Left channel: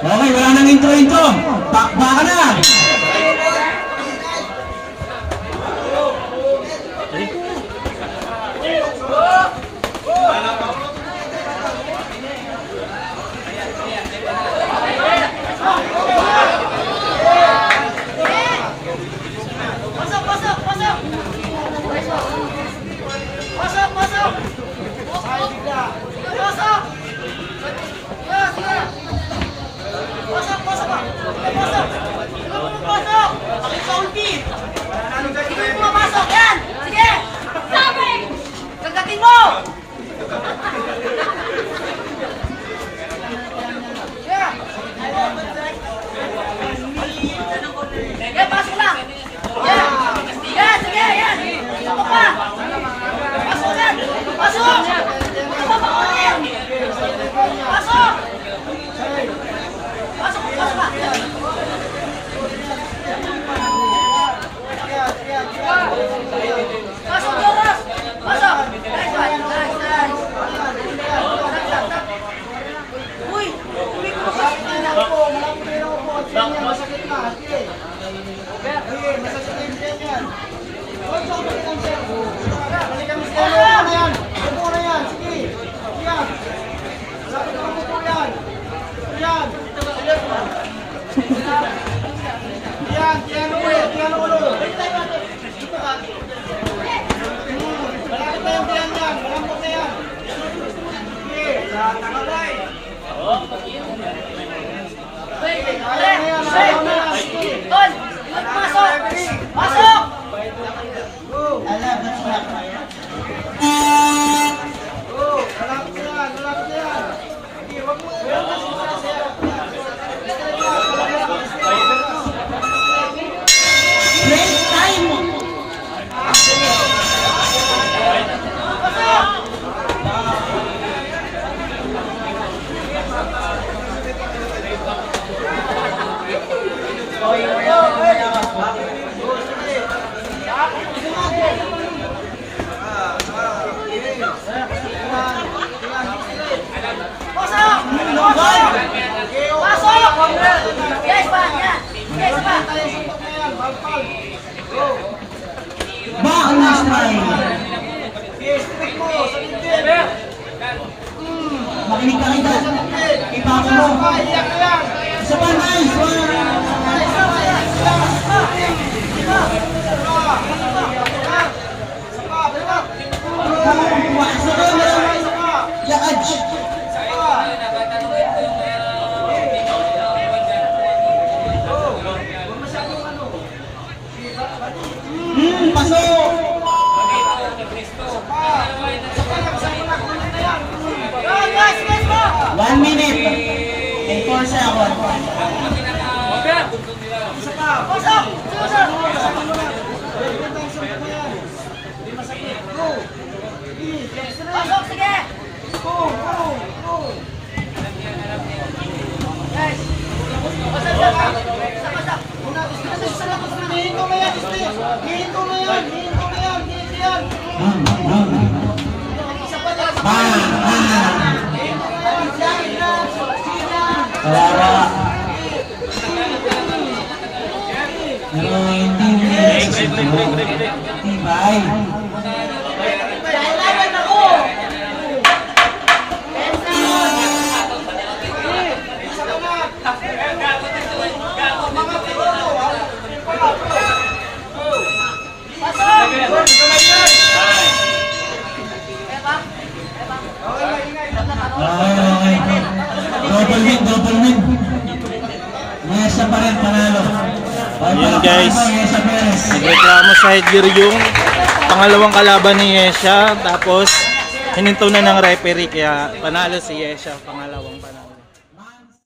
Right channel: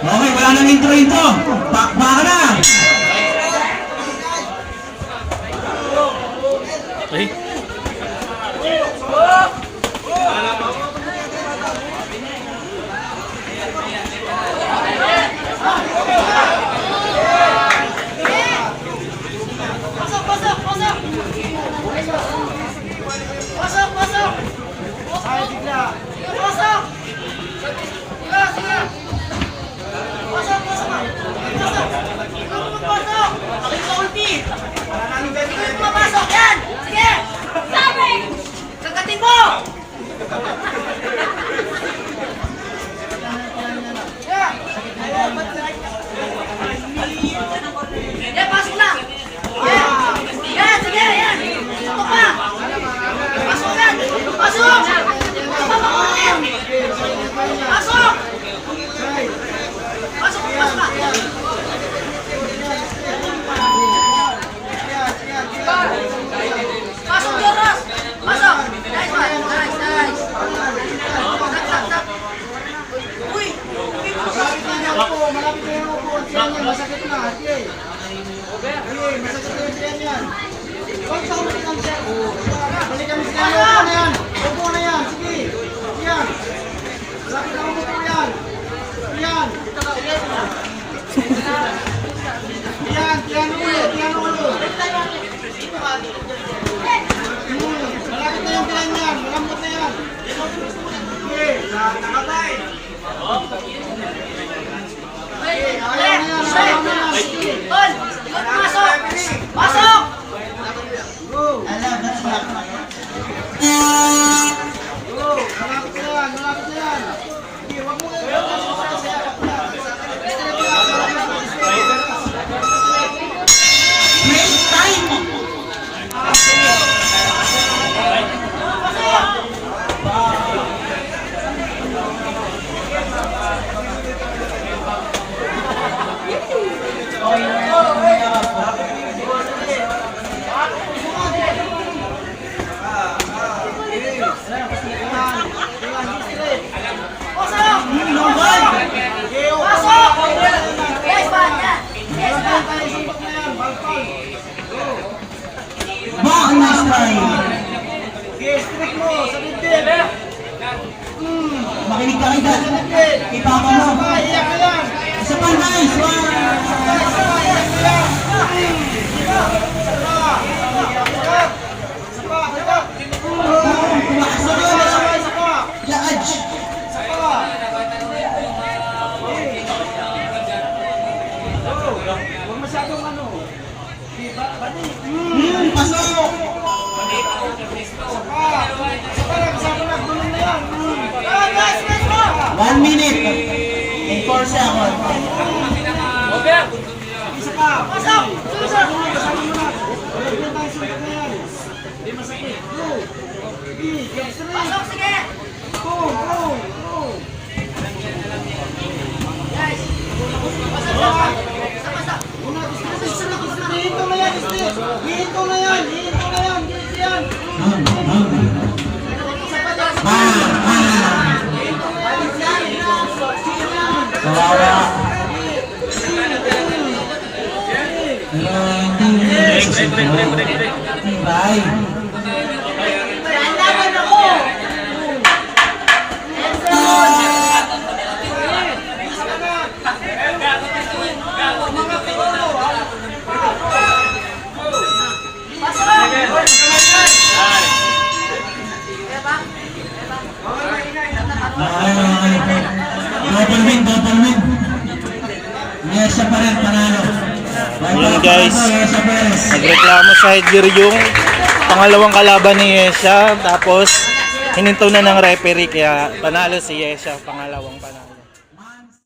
Okay, wala nang intro-intro. Ka na. Pasok, pasok, pasok! Pasok, pasok! Ay, bigla! Sige, pasok! Sige, sige! Pasok, pasok ka! Pasok! Ikaw naman pasok! Ikaw ulti! Ikaw yung pumapasok! Yan! Sige! Sabi! Sagatin mo! Yeah! Yan, pasok lang! Yan! Yan, sige, yan! Pasok pa! Pasok yan! Pasok! Pasok pa yan! Pasok! Pasok, pasok ka! Pasok, Joros! Pasok! Nice one! Nice, nice! Tap, tap, tap! Uy! Uy, pasok na! Masakit na, ate. Ay, masakit na yung tiyan yan. Huwag sa ulit ang tiyan. Balikan mo siya. Upo na yan. Upo na yan. Sige. Yan. Masakit na upo yan. Yan. Yan. Yan ulo. Yan ulo. Hmm, Malakit na yung tiyan yan. Malambot na yan. Sige. Nakakay. Ayaw na yan. Ayaw na yan. Sige. Tol! Pasok! Pasok! Go. Go. Malapit na yan. Malapit na yan. Sige, wag mo. Wag mo sasaya. Break time. Pasok! Pasok! Pasok! Yes, ba? Yan! Yes, ba? Tayo sumpok na yan. Balpal. Go. Back next time. Sige, stick mo. Sa dibdib. Makinig ka kita. Ipapa mo. Isa pa, nice. Wow. Isa pa. Balik. Kumakasa Isa ka. pa. Isa pa. Yaaj. Huwag masyadong ano. Sige, ba- bati. Hmm, pasok. Isa pa. Isa pa. Isa pa. Gulo na yan. Hmm. Go, guys! Yes, go! One minute. And four seconds. Isa pa. Pasok! Pasok! Masyadong mo na. Pero hindi mo nasusunod. Tibay. Nalaman ako! Ba? Okay, okay. Double win, double win. Yes, pa rin, panalo. Guys. Nagreklamo sa headgear yung pangalawang kalaban ni Yesha. Tapos, hininto na ng referee kaya panalo si Yesha. Pangalawang panalo.